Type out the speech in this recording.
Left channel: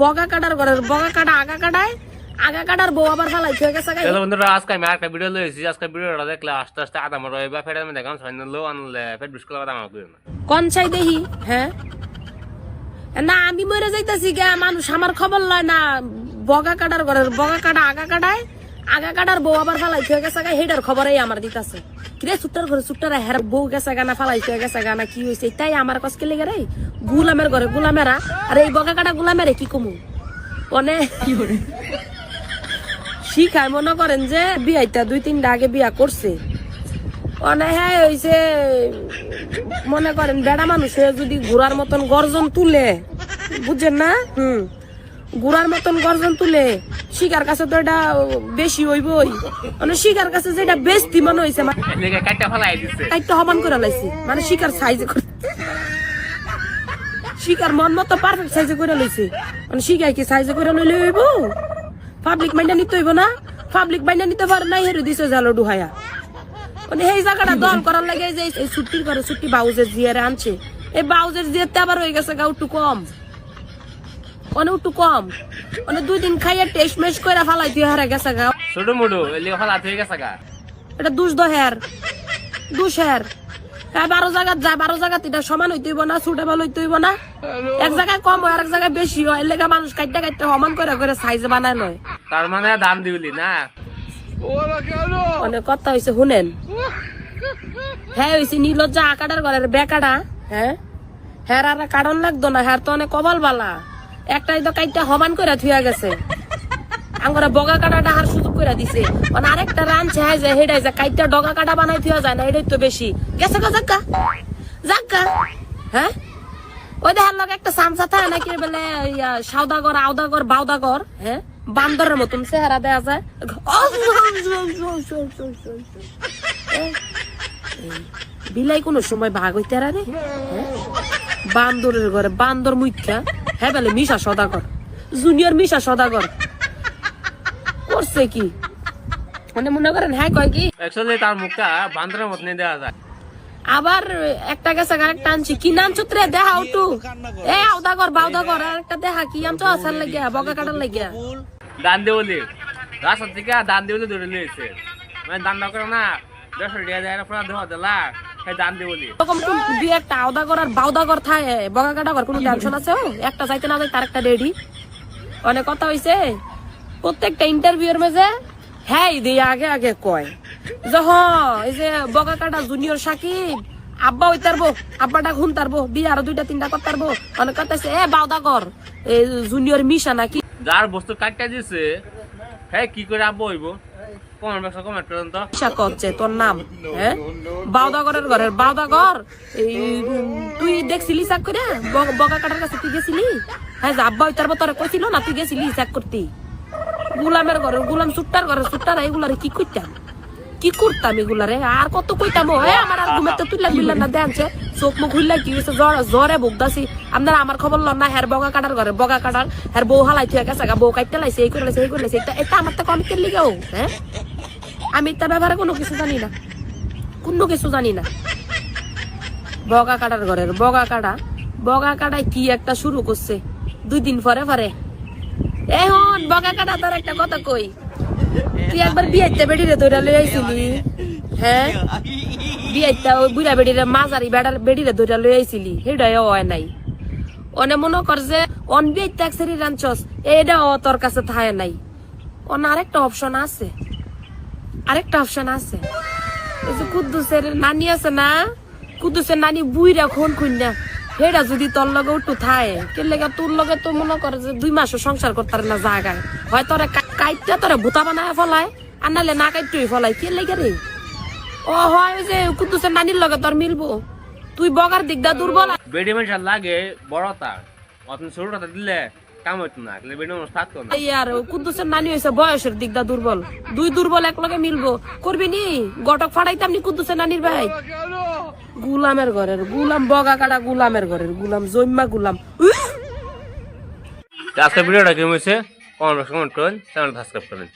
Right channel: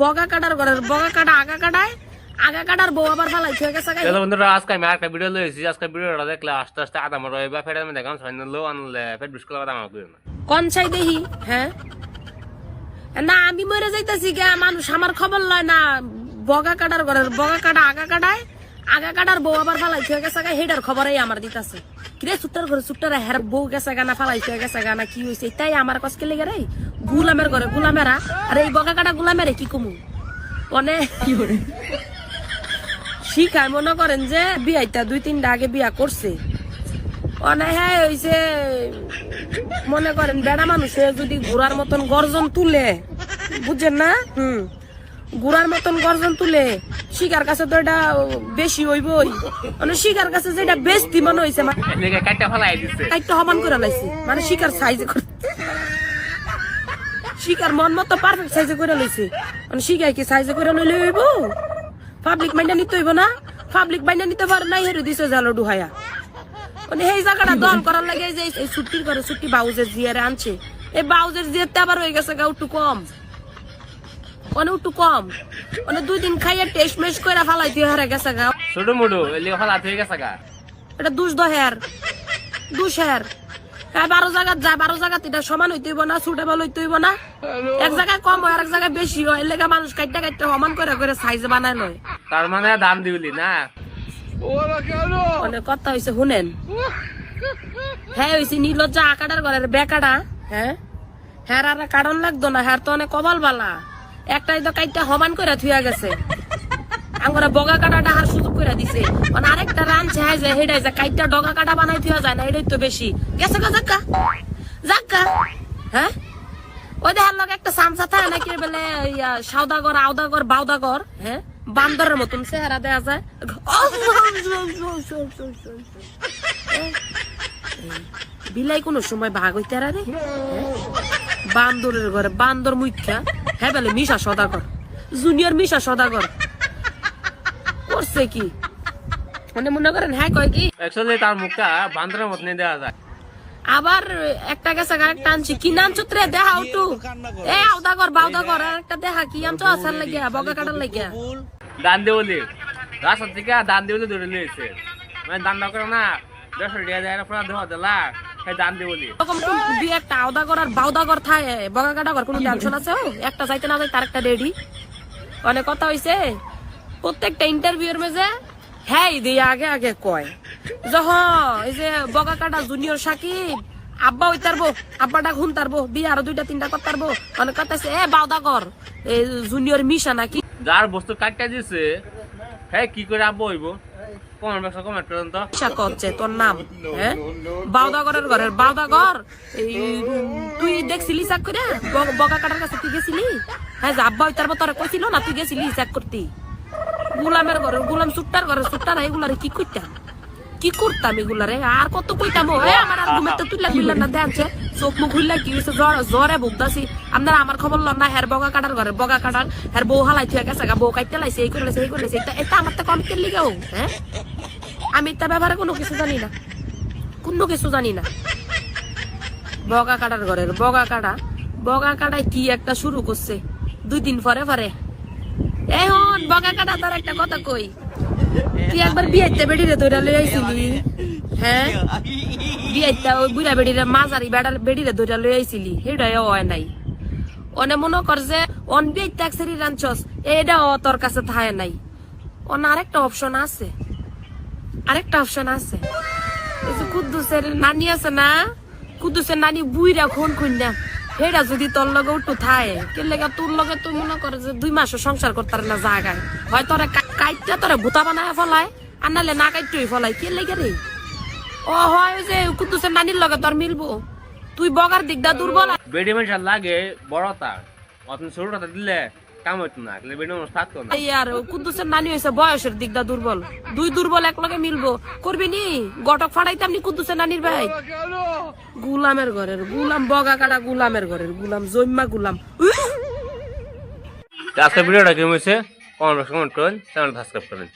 বগা কাটার ঘরের বগা কাটা আগা কাটার বউ আবার ফালাই হয়ে গেছে। চলো বন্ধুরা, আজকে আমি একটা ভিডিও লইছি। আজকে ভিডিওটা দেখলে আস্তে আস্তে আদা মর হইবা, ফের আমি দেখাম সাইন লো আনলে ফের বিস্কুট কথা আমার কইও না। কোন চাই দেখি? হ্যাঁ না, আমি মরে যাইতাছি গে, মানুষ আমার খবর লয় না। বগা কাটার ঘরের বগা কাটা আগা কাটার বউ আবার ফালাই হয়ে গেছে, হেডার খবরই আমার দিতাছে। কিরে সুট্টার ঘরে সুট্টারা হের বউ গেছে গানা ফালাই হয়ে গেছে গানা, কি হয়েছে তাই আমার কাছে লেগে রে। গুলামের ঘরে গুলামেরা, আর এই বগা কাটা গুলামেরে কি কমু অনে শিখায়। মনে করেন যে বিয়াইটা 2-3টা আগে বিয়া করছে অনে, হ্যাঁ হয়েছে। মনে করেন বেড়া মানুষে যদি ঘোড়ার মতন গর্জন তুলে, বুঝছেন না? ঘোড়ার মতন গর্জন তুলে, শিকার কাছে তো এটা বেশি হইবই। মানে শিকার কাছে যেটা বেশি মনে হয়েছে, কাটটা ফালাই দিছে, কাটটা সমান করে লাইছে। মানে শিকার সাইজে শিকার মন মতো পারফেক্ট সাইজে করে লইছে। মানে শিকার কি সাইজে করে লইলে হইব? পাবলিক মাইনা নিতে হইব না? পাবলিক মাইনা নিতে পারে নাই, হেরে দিছে জালো ডুহায়া। মানে এই জায়গাটা দল করার লাগে যে এই ছুটির করে ছুটি বাউজের জিয়ারে আনছে, এই বাউজের জিয়ারতে আবার হয়ে গেছে গা একটু কম, অনেক একটু কম। মানে 2 দিন খাইয়া টেস্ট মেশ করে ফালাই দিয়ে হারা গেছে গা। ছোট মোটো এলি ফালা হয়ে গেছে গা। এটা দুষ দহের দুষের। হ্যাঁ 12 জায়গায় যায়, 12 জায়গা এটা সমান হইতে হইব না, সুটেবল হইতে হইব না। এক জায়গায় কম হয়, আরেক জায়গায় বেশি হয়। এর লেগে মানুষ কাটতে কাটতে সমান করে করে সাইজে বানায় নয়। তার মানে দাম দিবলি না? অনেক কথা হয়েছে শুনেন। হ্যাঁ হয়েছে নীলজ্জা আকাটার ঘরের বেকাটা। হ্যাঁ হ্যাঁ আর কারণ লাগতো না, হ্যাঁ তো অনেক কপাল বালা। একটাই তো কাইটটা সমান করে থুয়া গেছে, আমরা বগা কাটাটা আর সুযোগ করে দিছে। মানে আরেকটা রানছে হ্যাঁ যে হেডাই যে কাইটটা ডগা কাটা বানাই থুয়া যায় না, এটাই তো বেশি গেছে গা। জাক্কা জাক্কা হ্যাঁ ওই দেখার লগে একটা সামসা থাকে নাকি বলে সাউদাগর আউদাগর বাউদাগর, হ্যাঁ বান্দরের মতন চেহারা দেয়া যায়। বিলাই কোন সময় ভাগ হইতে রে, বান্দরের ঘরে বান্দর মুখ্যা। হ্যাঁ বলে মিশা সদাগর, জুনিয়র মিশা সদাগর করছে কি? মানে মনে করেন হ্যাঁ কয় কি অ্যাকচুয়ালি তার মুখটা বান্দরের মতন দেওয়া যায়। আবার একটা গেছে আরেকটা আনছি, কি নাম সূত্রে দেখা একটু এ আউদাগর বাউদাগর, আর একটা দেখা কি আনছো আসার লাগিয়া বগা কাটার লাগিয়া। দান দেবলি রাস্তা থেকে দান দেবলি ধরে লিয়েছে, মানে দান না করে না 100 টাকা দেয় না, দেওয়া দিলা দান দেবলি। এরকম দুই একটা আউদাগর আর বাউদাগর থাকে, বগা কাটাগর কোনো টেনশন আছে? একটা চাইতে না তার একটা রেডি। অনেক কথা হয়েছে প্রত্যেকটা ইন্টারভিউর মেঝে হ্যাঁ দিয়ে আগে আগে কয় যখন এই যে বগা কাটা জুনিয়র সাকিব আব্বা হই তারবো, আব্বাটা ঘুম তারবো, বিয়ে আরো 2-3টা করতে পারবো। অনেক কথা আছে এ বাউদাগর এই জুনিয়র মিশা নাকি। যার বস্তু কাটটা দিছে হ্যাঁ কি করে আব্বা হইব? কমেন্ট করেন তো। করছে তোর নাম হ্যাঁ বাউদাগরের ঘরের বাউদাগর। তুই দেখছিলি চেক করে বগা কাটার কাছে তুই গেছিলি? হ্যাঁ আব্বা হই তারবো তোরা কইছিল না, তুই গেছিলি চেক করতে? গুলামের ঘরে গুলাম সুট্টার ঘরে সুট্টার এগুলারে কি করতাম কি করতাম এগুলারে আর কত কইতাম। হ্যাঁ আমার আর ঘুমাতে তুইলা না দেখছে চোখ মুখ খুললা কি হয়েছে জ্বরে ভুগদাছি। আপনারা আমার খবর লন না, হ্যার বগা কাটার ঘরে বগা কাটার হ্যার বউ হালাই থুয়ে গেছে, বউ কাটতে লাইছে, এই করে লাইছে এই করে লাইছে। এটা আমার তো কমিকের লিগেও হ্যাঁ আমি তার ব্যাপারে কোনো কিছু জানি না, কোনো কিছু জানি না। বগা কাটার ঘরের বগা কাটায় কি একটা শুরু করছে 2 দিন পরে পরে। এখন বগা কাটা তার একটা কথা কই, তুই একবার বিয়েতে বেড়িরে ধরে লই আইছিলি? হ্যাঁ বিয়েটা ওই বুড়া বেড়িরে মাঝারি বেড়িরে ধরে লই আইছিলি, সেটাই হয় নাই। অনে মনে কর যে অন বিয়ে ট্যাক্সেরি রাঞ্চস এটা তোর কাছে থাকে নাই। অন আরেকটা অপশন আছে, আরেকটা অপশন আছে। এই যে কুদ্দুসের নানি আছে না, কুদ্দুসের নানি বুইরা খুন না, সেটা যদি তোর লগে উঠু থাকে কেলেগা তোর লগে তো মনে করে যে 2 মাসও সংসার করতে না জায়গায় হয় তোরা কাইটটা তোরা ভূতা বানায় ফলায়, আর নাহলে না কাইটই ফলাই কেলেগা রে। ও হয় যে কুদ্দুসের নানির লগে তোর মিলবো, তুই বগার দিকটা দুর্বল। বেডি মানুষ লাগে বড় তার অতন ছোটটা দিলে কাম হইতো না, বেডি মানুষ থাকতো না। আর কুদ্দুসের নানি হয়েছে বয়সের দিকটা দুর্বল, 2 দুর্বল এক লগে মিলবো করবি নি? গটক ফাড়াইতাম নি কুদ্দুসের নানির ভাই। গুলামের ঘরের গুলাম বগা কাটা গুলামের ঘরের গুলাম জম্মা গুলাম। আজকে ভিডিওটা কেমন হয়েছে কমেন্ট করেন, চ্যানেল সাবস্ক্রাইব করেন।